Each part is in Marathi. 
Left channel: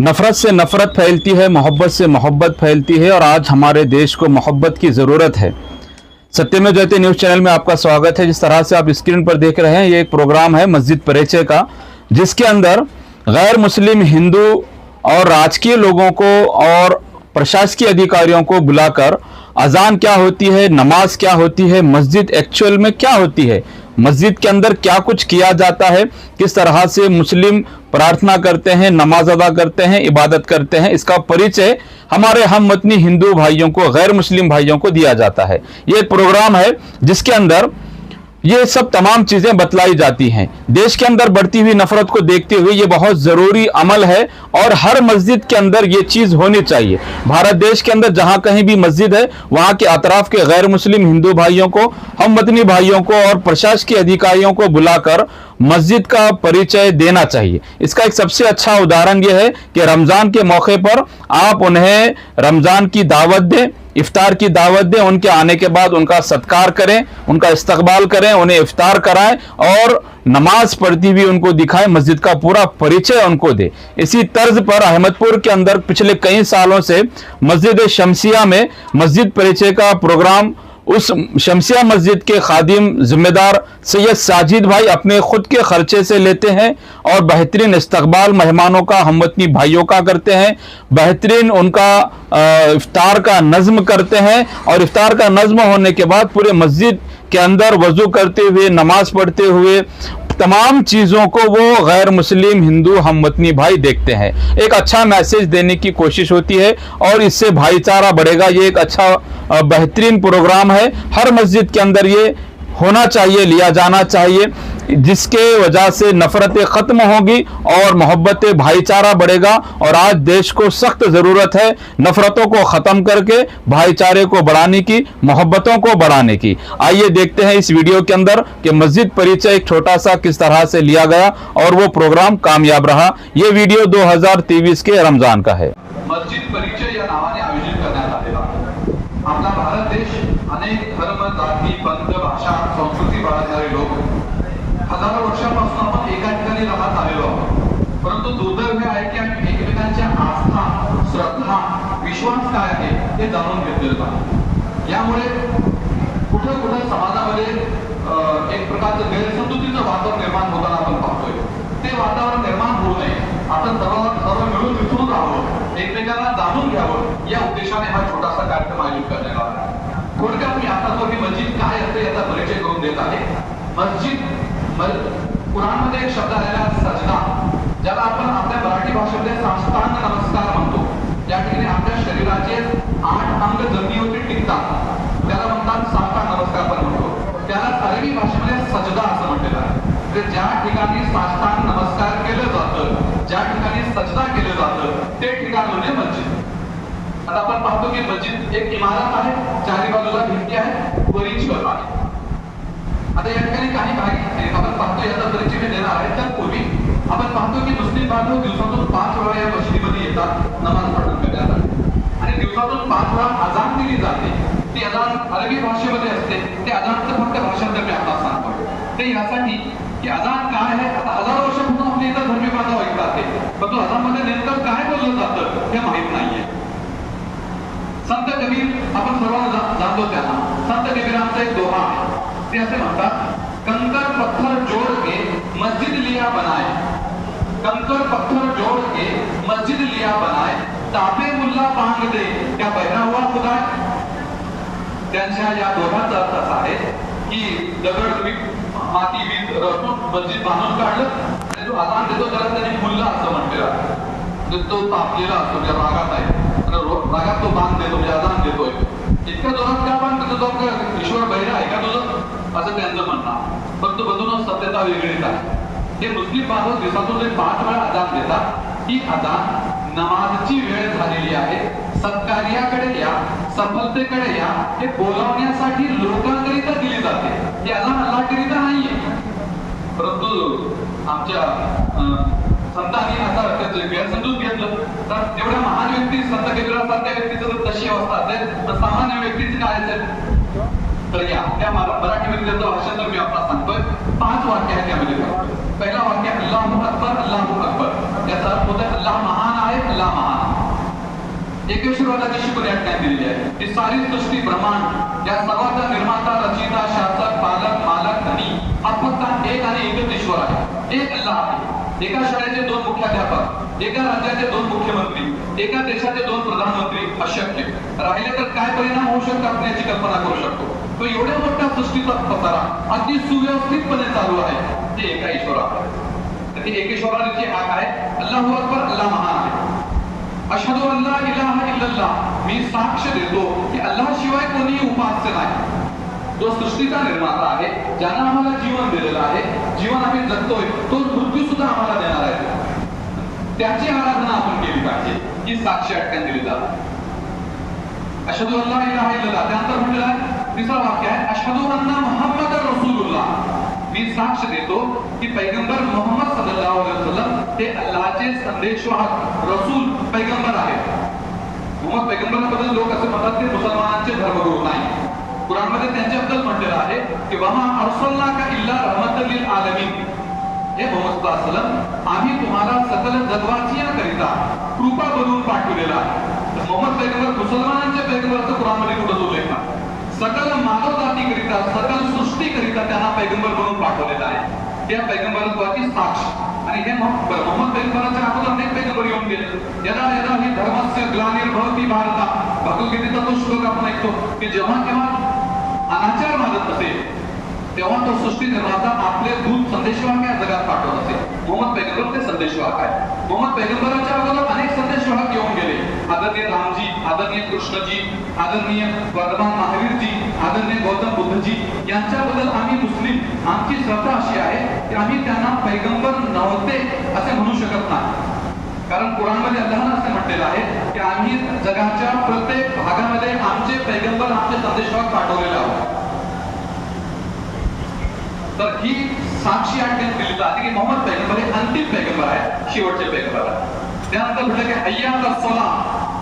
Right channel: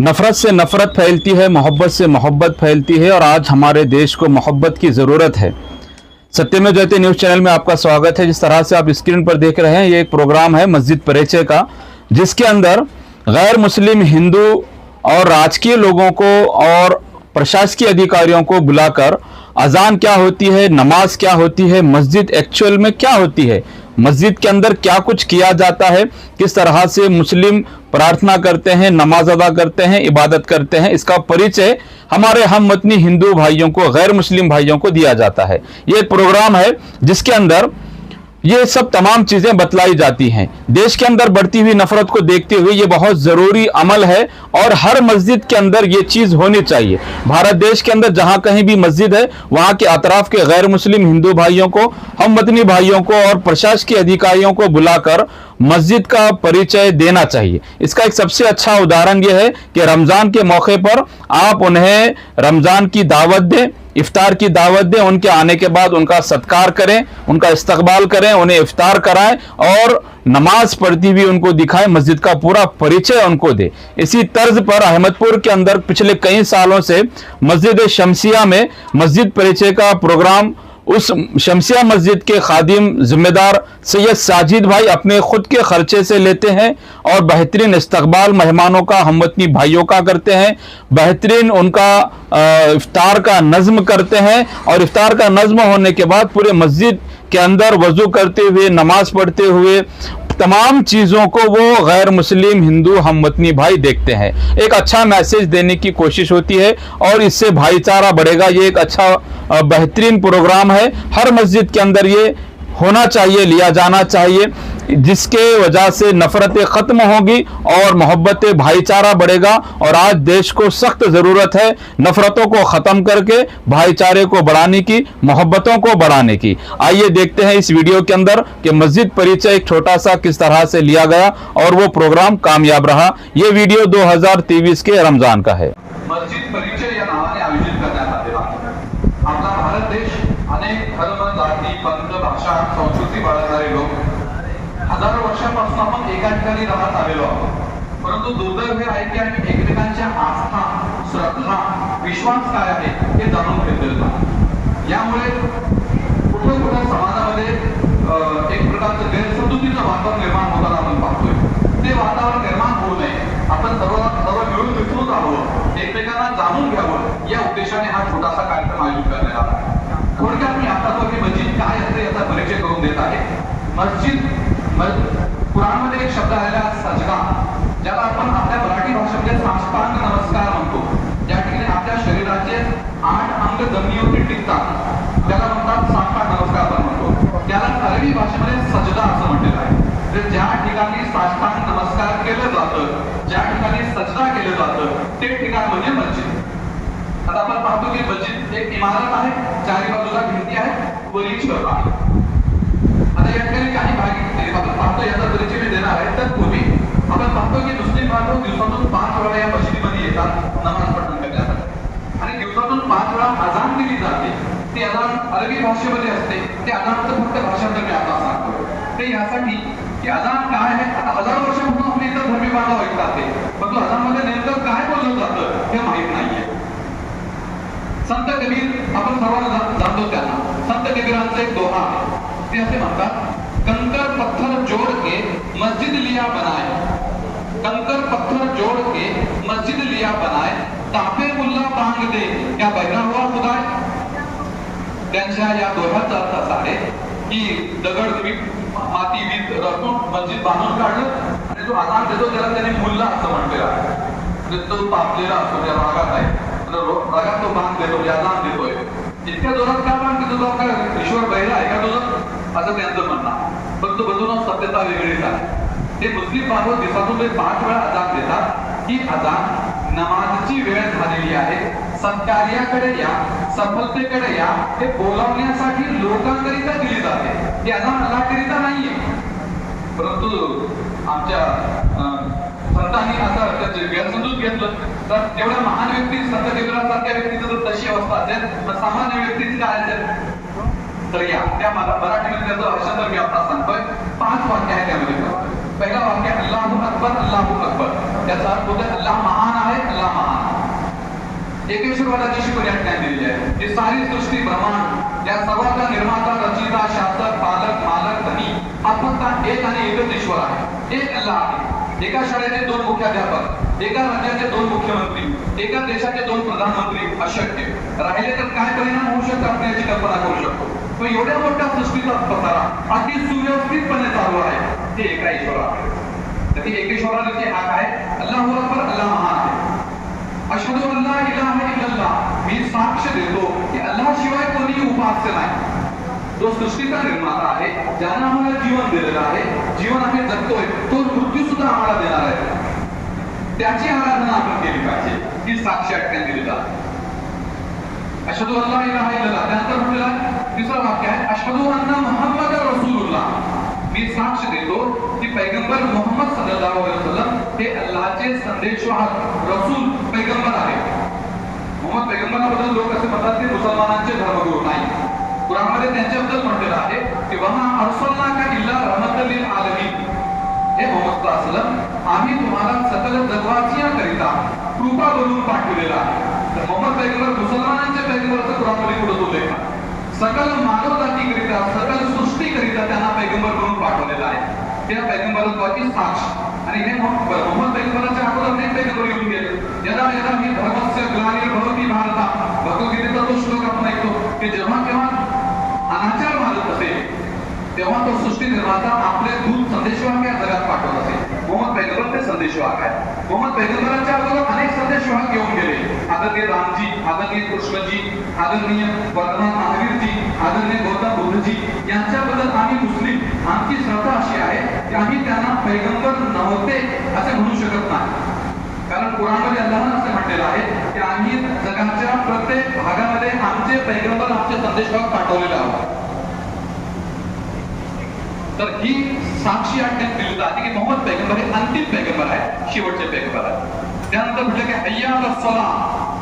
नफरत से नफरत फैलती है, मोहब्बत से मोहब्बत फैलती है और आज हमारे देश को मोहब्बत की ज़रूरत है। सत्यमेव जयते न्यूज़ चैनल में आपका स्वागत है। जिस तरह से आप स्क्रीन पर देख रहे हैं, ये एक प्रोग्राम है मस्जिद परिचय का, जिसके अंदर गैर मुस्लिम हिंदू और राजकीय लोगों को और प्रशासकीय अधिकारियों को बुलाकर अजान क्या होती है, नमाज क्या होती है, मस्जिद एक्चुअल में क्या होती है, मस्जिद के अंदर क्या कुछ किया जाता है, किस तरह से मुस्लिम प्रार्थना करते हैं, नमाज अदा करते हैं, इबादत करते हैं, इसका परिचय हमारे हम वतनी हिंदू भाइयों को, गैर मुस्लिम भाइयों को दिया जाता है। ये एक प्रोग्राम है जिसके अंदर ये सब तमाम चीजें बतलाई जाती हैं। देश के अंदर बढ़ती हुई नफरत को देखते हुए ये बहुत जरूरी अमल है और हर मस्जिद के अंदर ये चीज होनी चाहिए। भारत देश के अंदर जहां कहीं भी मस्जिद है, वहां के अतराफ के गैर मुस्लिम हिंदू भाइयों को, हम वतनी भाइयों को और प्रशासकीय अधिकारियों को बुलाकर मस्जिद का परिचय देना चाहिए। इसका एक सबसे अच्छा उदाहरण यह है कि रमजान के मौके पर आप उन्हें रमजान की दावत दें, इफ्तार की दावत दें, उनके आने के बाद उनका सत्कार करें, उनका इस्तकबाल करें, उन्हें इफ्तार कराएं और नमाज पढ़ती हुई उनको दिखाएं, मस्जिद का पूरा परिचय उनको दे। इसी तर्ज पर अहमदपुर के अंदर पिछले कई सालों से मस्जिद शमसिया में मस्जिद परिचय का प्रोग्राम उस शमसिया मस्जिद के खादिम जिम्मेदार सैयद साजिद भाई अपने खुद के खर्चे से लेते हैं और बेहतरीन इस्तकबाल मेहमानों का, हमवतनी भाइयों का करते हैं, बेहतरीन उनका इफ्तार का नज्म करते हैं और इफ्तार का नज्म होने के बाद पूरे मस्जिद के अंदर वजू करते हुए, नमाज पढ़ते हुए तमाम चीज़ों को वो गैर मुस्लिम हिंदू हमवतनी भाई देखते हैं। एक अच्छा मैसेज देने की कोशिश होती है और इससे भाईचारा बढ़ेगा। ये एक अच्छा बेहतरीन प्रोग्राम है, हर मस्जिद के अंदर ये होना चाहिए, लिया जाना चाहिए, जिसके वजह से नफरतें खत्म होगी और मोहब्बत भाईचारा बढ़ेगा। और आज देश को सख्त ज़रूरत है नफरतों को ख़त्म करके भाईचारे को बढ़ाने की, मोहब्बतों को बढ़ाने की। आइए देखते हैं इस वीडियो के अंदर कि मस्जिद परिचय एक छोटा सा किस तरह से लिया गया और वो प्रोग्राम कामयाब रहा। ये वीडियो 2023 के रमज़ान का है। मस्जिद परिचय या नावाने आयोजित करण्यात आलेला आपला भारत देश अनेक धर्म, जाती, पंथ, भाषा, संस्कृती बाळगणारे लोक हजारो वर्षांपासून आपण एका ठिकाणी राहत आलेलो आहोत। परंतु दुर्दैव हे आहे की आम्ही एकमेकांच्या आस्था, श्रद्धा, विश्वास काय आहे हे जाणून घेतलेलं नाही। यामुळे कुठे कुठे समाजामध्ये एक प्रकारचं गैरसमजुतीचं वातावरण निर्माण होताना आपण पाहतोय। ते वातावरण निर्माण होऊ नये, आपण सर्व मिळून मिसळून राहावं, एकमेकांना जाणून घ्यावं या उद्देशाने हा छोटासा कार्यक्रम आयोजित करण्यात आला। थोडक्यात मी आता तो की मस्जिद काय असते याचा परिचय करून देत आहे। मस्जिद कुराणमध्ये एक शब्द आलेला सजदा, ज्याला आपण आपल्या मराठी भाषेमध्ये साष्टांग नमस्कार म्हणतो। त्या ठिकाणी आपल्या शरीराचे 8 अंग जमिनीवरती टिकतात, त्याला म्हणतात साष्टांग नमस्कार पण म्हणतो। त्याला अरबी भाषेमध्ये सजदा असं म्हटलेलं आहे। म्हणजे ज्या ठिकाणी साष्टांग नमस्कार केलं जातं, ज्या ठिकाणी सजदा केलं जातं, ते ठिकाण म्हणजे मस्जिद। आता आपण पाहतो की मस्जिद एक इमारत आहे, चारी बाजूला भिंती आहे, वरील छत आहे। आता या ठिकाणी काही भाग आपण पाहतो, याचा परिचय देणार आहे। त्यापूर्वी आपण पाहतो की मुस्लिम बांधव दिवसातून 5 वेळा या मस्जिदीमध्ये येतात, नमाज पठण आणि दिवसातून 5 वेळा अजान दिली जाते। ती अजान अरबी भाषेमध्ये असते। ते अजानचं फक्त भाषांतर मी आपल्याला सांगतो ते यासाठी की अजान काय आहे। आता हजारो वर्षांपासून आपल्या इतर धर्मी बांधव ऐकतात ते, पण अजानमध्ये नेमकं काय बोललं जातं हे माहित नाहीये। संत कबीर आपण सर्वांना जाणतो, त्याला संत कबीरांचा एक दोहा आहे, ते असे म्हणतात, कंकर पत्थर जोड़ के मस्जिद लिया बनाए, कंकर पत्थर जोड़ के मस्जिद लिया बनाए, तापे मुल्ला मांग दे क्या बहरा हुआ खुदा। त्यांच्या या दोह्याचा अर्थ असा आहे की दगड तुम्ही माती वीज रचून मस्जिद बांधून काढलं आणि जो अजान देतो त्याला त्याने मुल्ला असं म्हटलेलं आहे। तो तापलेला असतो, त्या रागात आहे, रागात तो बांध देतो, म्हणजे अजान देतोय। इतक्या जोरात का बांध देतो, तो काय ईश्वर बहिरा आहे का तुझं, असं त्यांचं म्हणणं आहे। पण तो बघून सत्यता वेगळीच आहे। ते मुस्लिम बांधव दिवसातून 5 वेळा अजान देतात। ही अजान नमाजची वेळ झालेली आहे, सत्कार्याकडे या, सफलतेकडे या हे बोलावण्यासाठी लोकांकरिता दिली जाते। ही अजान अल्लाहकरिता नाहीये। परंतु आमच्या संतांनी असं गैरसमजून घेतलं तर एवढ्या महान व्यक्ती संत कबीरासारख्या व्यक्तीचं जर तशी अवस्था असेल तर सामान्य व्यक्तीची काय असेल। तर या त्या मराठीमध्ये त्याचं भाषांतर मी आपल्याला सांगतोय। 5 वाक्य आहेत त्यामध्ये। पहिला वाक्य अल्लाहू अकबर, अल्लाहू अकबर, त्याचा अर्थ होतो अल्लाह महान आहे, अल्लाह महान. एकेश्वरवादाची शिकवण या ठिकाणी दिलेली आहे की सारी सृष्टी ब्रह्मांड या सर्वांचा निर्माता, रचिता, शासक, पालक, मालक, धनी हा फक्त एक आणि एकच ईश्वर आहे, एक अल्लाह आहे. एका शाळेचे 2 मुख्याध्यापक, एका राज्याचे 2 मुख्यमंत्री, एका देशाचे 2 प्रधानमंत्री अशक्य. राहिले तर काय परिणाम होऊ शकतात आपण याची कल्पना करू शकतो. तो एवढ्या मोठ्या सृष्टीचा पसारा अगदी सुव्यवस्थितपणे चालू आहे ते एका ईश्वरावर. तर ती एकेश्वराची हाक आहे, अल्लाहू अकबर, अल्लाह महान आहे. अशहदु अल्ला इलाहा इल्लल्लाह, मी साक्ष देतो की अल्लाह शिवाय कोणीही उपास्य नाही. जो सृष्टीचा निर्माता आहे, ज्याने आम्हाला जीवन दिलेलं आहे, जीवन आम्ही जगतोय, तो मृत्यू सुद्धा आम्हाला देणार आहे, त्याची आराधना आपण केली पाहिजे. ही साक्षी अटकन दिली जाते. अशहदु अल्ला इलाहा इल्लल्लाह. त्यानंतर म्हटलेलं आहे तिसरं वाक्य आहे, अशहदु अन्ना मुहम्मद रसूलुल्लाह, मी साक्ष देतो की पैगंबर मोहम्मद सल्लल्लाहु अलैहि वसल्लम हे अल्लाहचे संदेशवाहक, रसूल, पैगंबर आहेत. मोहम्मद पैगंबराबद्दल लोक असे म्हणतात ते मुसलमानांचे धर्मगुरू नाही. कुराणमध्ये त्यांच्याबद्दल म्हटलेलं आहे की वमा अर्सलनाका इल्ला रहमतल लिल आलमीन, हे मोहम्मद सल्लल्लाहु अलैहि वसल्लम आम्ही तुम्हाला सकल जगवासियांकरिता कृपा बनवून पाठवलेला आहे. तर मोहम्मद पैगंबर मुसलमानांचे पैगंबरचं कुराणमध्ये कुठं उल्लेख आहे? सकल मानव जातीकरिता, सकल सृष्टीकरिता त्यांना पैगंबर बनवून पाठवलेला आहे. त्या पैगंबरत्वाची साक्ष. आणि हे मोहम्मद पैगंबराच्या अगोदर अनेक पैगंबर येऊन गेले. यदा यदा ही धर्मस्य ग्लानिर्भवति भारता, भगवद्गीतेचा तो श्लोक आपण ऐकतो की जेव्हा केव्हा अनाचार माजत असेल तेव्हा तो सृष्टी निर्माता आपले दूत संदेशवाहक या जगात पाठवत असे. मोहम्मद पैगंबर ते संदेशवाहक आहे. मोहम्मद पैगंबराच्या अगोदर अनेक संदेशवाहक येऊन गेले. आदरणीय रामजी, आदरणीय कृष्णजी, आदरणीय वर्तमान महावीरजी, आदरणीय गौतम बुद्धजी यांच्याबद्दल आम्ही मुस्लिम, आमची श्रद्धा अशी आहे की आम्ही त्यांना पैगंबर नव्हते असे म्हणू शकत नाही. कारण कुराणमध्ये अल्लाहने असे म्हटलेलं आहे की आम्ही जगाच्या प्रत्येक भागामध्ये आमचे पैगंबर, आमचे संदेशवाहक पाठवलेले आहोत. तर ही साक्षी आठवण दिली जाते की मोहम्मद पैगंबर हे अंतिम पैगंबर आहे, शेवटचे पैगंबर आहे. त्यानंतर म्हटलं की हय्या अला सलाह,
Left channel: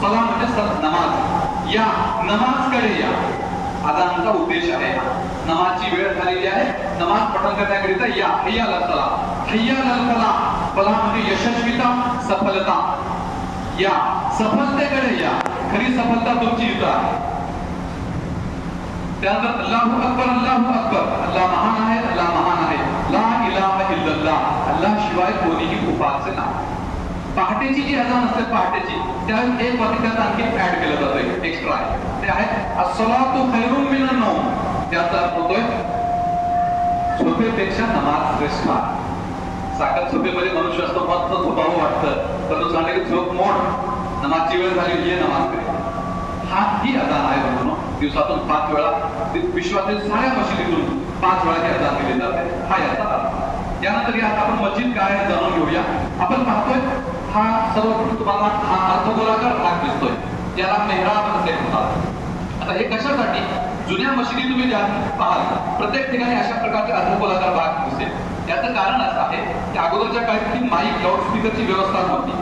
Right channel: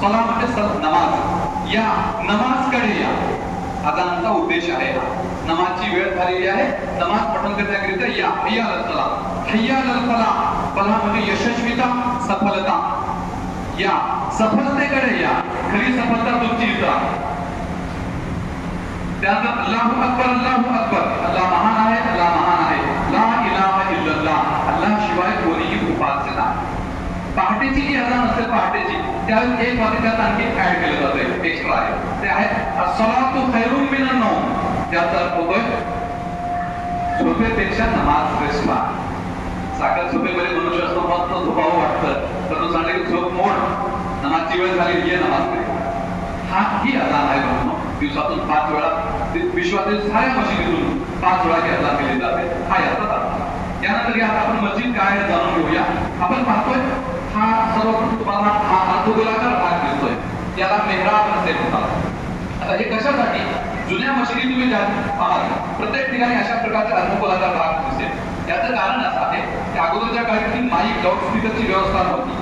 सलाह म्हणजे नमाज, या नमाजकडे या. अजानचा उद्देश आहे नमाजची वेळ झालेली आहे, नमाज पठण करण्याकरिता या. हय्या अला सलाह, हय्या अला फलाह, फलाह म्हणजे यशस्वीता, सफलता. या सफलतेकडे या, खरी सफलता तुमची इथं आहे. त्यानंतर अल्लाहू अकबर, अल्लाहू अकबर, अल्लाह महान आहे, अल्लाह महान आहे. ला इलाहा इल्लल्लाह, अल्लाह शिवाय कोणीही उपास्य नाही. पहाटेची जी अजान असते पहाटेची, त्यावेळेस एक वाक्य त्यात आणखी ऍड केलं जातं, एक्स्ट्रा आहे. ते आहे अस्सलातु खैरुम मिनन नौम. त्याचा अर्थ होतोय झोपेपेक्षा नमाज श्रेष्ठ आहे. साखर झोपेमध्ये मनुष्य असतो, मस्त झोपावं वाटतं, पण तो सांगते की झोप मोड, नमाजची वेळ झाली, ये नमाज करे. हा ही अजान आहे. म्हणून दिवसातून 5 वेळा विश्वातील साऱ्या मशिदीतून 5 वेळा ही अजान केली जाते. हा याचा अर्थ. यानंतर या आपण मस्जिद काय जाणून घेऊया. आपण पाहतोय हा सर्वप्रथम तुम्हाला हा अर्धगोलाकार भाग दिसतोय, याला मेहराब असे म्हणतात. आता हे कशासाठी? जुन्या मशिदी तुम्ही ज्या पाहाल प्रत्येक ठिकाणी अशा प्रकारचे अर्धगोलाकार भाग दिसेल. याचं कारण असं आहे की अगोदरच्या काळात माईक, लाऊडस्पीकरची व्यवस्था नव्हती.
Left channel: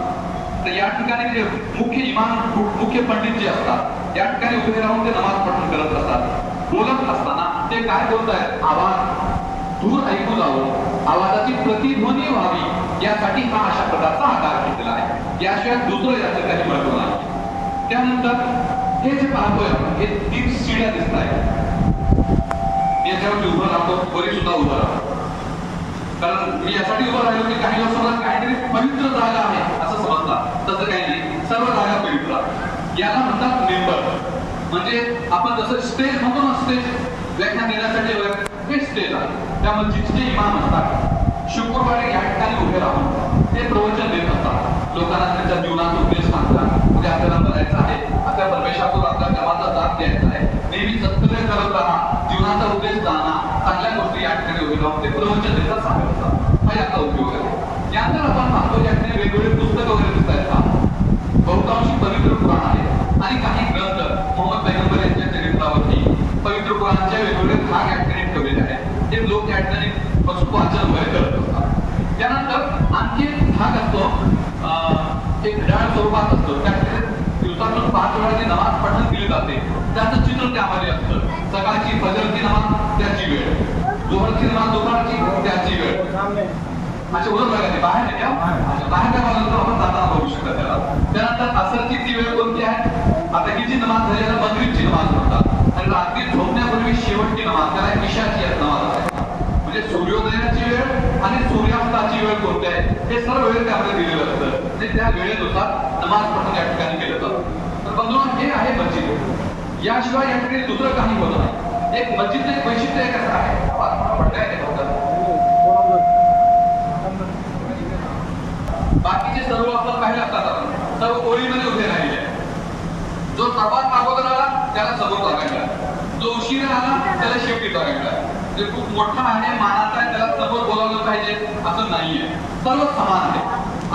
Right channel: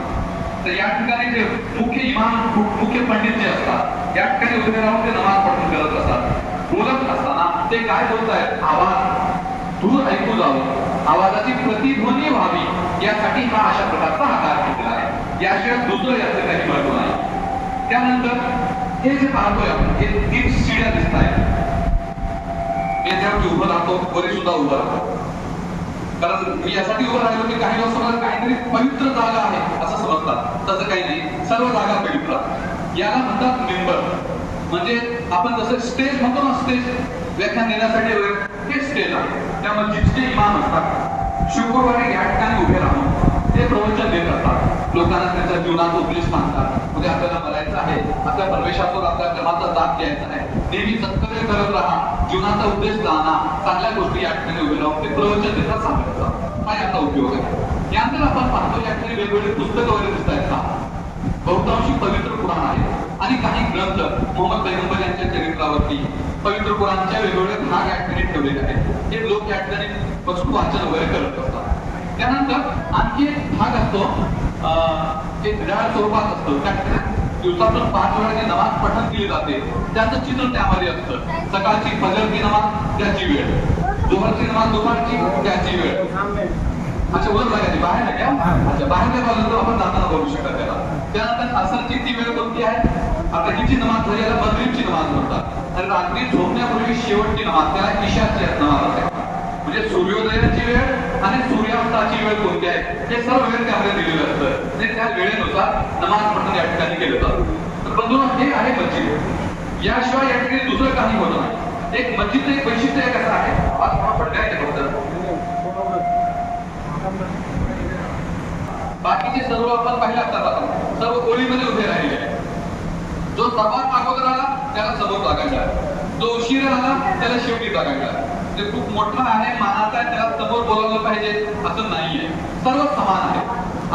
तर या ठिकाणी जे मुख्य इमाम, मुख्य पंडित जे असतात या ठिकाणी उभे राहून ते नमाज पठण करत असतात. बोलत असताना ते काय बोलत आहेत, आवाज दूर ऐकू जावं, आवाजाची प्रतिध्वनी व्हावी यासाठी हा अशा प्रकारचा आकार घेतलेला आहे. याशिवाय दुसरं याचं काही महत्व नाही. त्यानंतर हे जे पाहतोय आपण, हे 3 शिड्या दिसत आहेत. याच्यावर उभं राहतो, वरी सुद्धा उभं राहतो. कारण मी यासाठी उभं राहिलो की काही लोक मला काहीतरी पवित्र जागा आहे असं समजतात. तसं काही नाही, सर्व जागा पवित्र आहे. याला म्हणतात मेंबर. म्हणजे आपण जसं स्टेज म्हणतो ना, स्टेज व्याख्यान देण्यासाठी वगैरे हे स्टेज आहे. त्या मस्जिदचे इमाम असतात, शुक्रवारी या ठिकाणी उभे राहून ते प्रवचन देत असतात. लोकांना त्यांच्या जीवनाचा उद्देश सांगतात. उद्या आपल्याला मरायचं आहे, आपल्या परमेश्वरातून आपल्या कर्माचा दाब द्यायचा आहे, नेहमी सत्कर्म करत राहा, जीवनाचा उद्देश जाणा, चांगल्या गोष्टी या ठिकाणी उभे राहून ते प्रवचन देतात, सांगतात. हा याचा उपयोग आहे. यानंतर आपण पाहतो या ठिकाणी वेगवेगळे पुस्तकं वगैरे दिसत आहेत. बहुतांशी पवित्र पुराण आहे आणि काही ग्रंथ मोहम्मद पैगंबर यांच्या चरित्रावरती पवित्र पुराणाच्या वेगवेगळे भाग या ठिकाणी ठेवलेले आहेत. ते लोक या ठिकाणी वस्तू वाचन वगैरे करत असतात. त्यानंतर आणखी एक भाग असतो, एक घड्याळ स्वरूपात असतो. त्या दिवसातून 5 वेळा जी नमाज पठण केली जाते त्याचं चित्र त्यामध्ये असतं. सकाळची फजरची नमाज त्याची वेळ, जोहरची नमाज दुपारची त्याची वेळ. असे उलट लागायचे बाहेर नाही, बाहेर नाही बाजूला आपण जाताना बघू शकता त्याला. नमाजपैकी शेवटची नमाज त्याला इशाची नमाज आहे. म्हणजे सूर्योदयाची वेळ आणि सूर्यास्ताची वेळ कोणती आहे हे सर्व वेळ त्यामध्ये दिलेलं असतं. म्हणजे त्या वेळेनुसार नमाज पठण या ठिकाणी केलं जातं. तर बंधूंनो, हे आहे मस्जिद. याशिवाय या ठिकाणी दुसरं काही होत नाही. एक मस्जिदचं एक वैशिष्ट्य एक असं आहे, बाकीचे सर्व आपण पाहिले असतात सर्व ओळीमध्ये उभे राहिले आहे. जो सर्वात अगोदर आला त्याला समोर लागायला, जो उशिरा आला त्याला शेवटी लागायला. ते खूप मोठा आहे, मानाचा आहे, त्याला समोर बोलावलं पाहिजे असं नाहीये. सर्व समान आहे.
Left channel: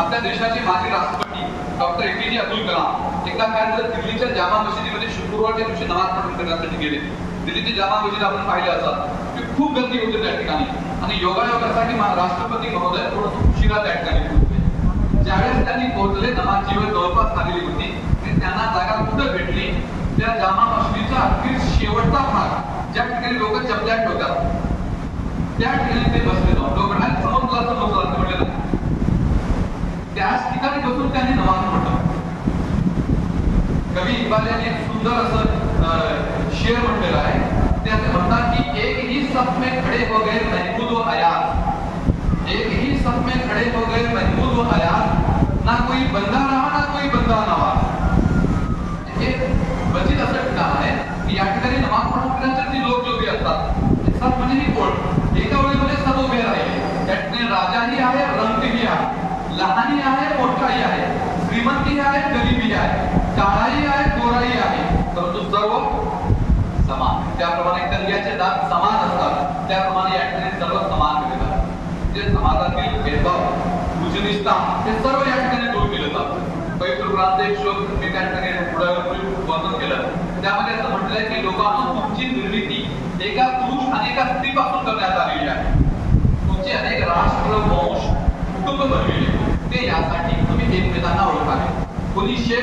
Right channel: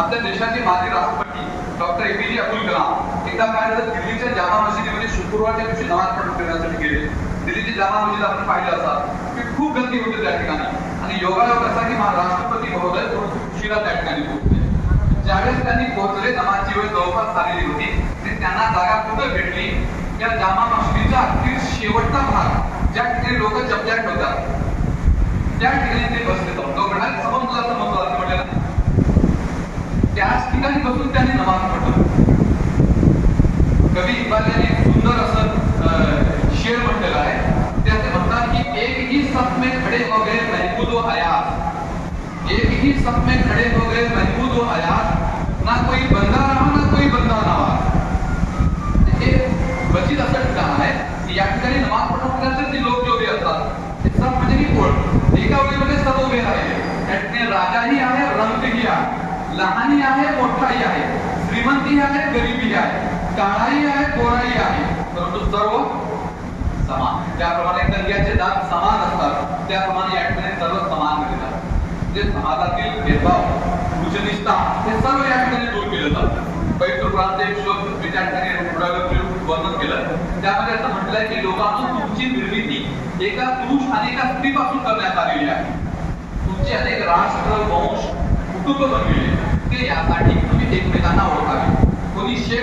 आपल्या देशाचे माजी राष्ट्रपती डॉक्टर APJ अब्दुल कलाम एकदा काय झालं, दिल्लीच्या जामा मशिदीमध्ये शुक्रवारच्या दिवशी नमाज पठण करण्यासाठी गेले. दिल्लीची जामा मशिद आपण पाहिले असतात की खूप गर्दी होते त्या ठिकाणी. आणि योगायोग असा की राष्ट्रपती महोदय थोडं उशिरा त्या ठिकाणी पोहोचले. ज्यावेळेस त्यांनी पोहोचले, नमाजची वेळ जवळपास झालेली होती आणि त्यांना जागा कुठं भेटली, त्या जामा मशिदीचा अगदी शेवटचा भाग ज्या ठिकाणी लोक चपल्या ठेवतात त्या ठिकाणी ते बसले. जाऊन लोक म्हणाले समोर म्हटलं त्याच ठिकाणी बसून त्यांनी नमाज पठण. कवी इक्बाल यांनी सुंदर असं शेर म्हटलेलं आहे. ते असं म्हणतात की एक ही सफ में खड़े हो गए महमूद व अयाज, एक ही सफ में खड़े हो गए महमूद व अयाज, ना कोई बंदा रहा ना कोई बंदा नवाज. हे रचित असं ठिकाण आहे की या ठिकाणी नमाज पठण लोक जे उभे असतात ते सफ म्हणजे ही ओळ, एका ओळीमध्ये सर्व उभे राहिले. त्या ठिकाणी राजाही आहे, रंकही आहे, लहानही आहे, मोठाही आहे, श्रीमंती आहे, गरिबी आहे, काळाही आहे, गोराही आहे, परंतु सर्व समान. त्याप्रमाणे कन्याचे दात समान असतात त्याप्रमाणे या ठिकाणी सर्व समान केले जातात. जे समाजातील भेदभाव उच्चनिष्ठा हे सर्व या ठिकाणी दूर केलं जातं. पवित्र ग्रंथाचे एक श्लोक मी त्या ठिकाणी वर्णन केलं. त्यामध्ये असं म्हटलंय की लोकांना तुमची निर्मिती एका पुरुष आणि एका स्त्रीपासून करण्यात आलेली आहे. तुमचे अनेक राष्ट्र वंश कुटुंब बनविले ते यासाठी तुम्ही एकमेकांना ओळखावे. कोणी शेख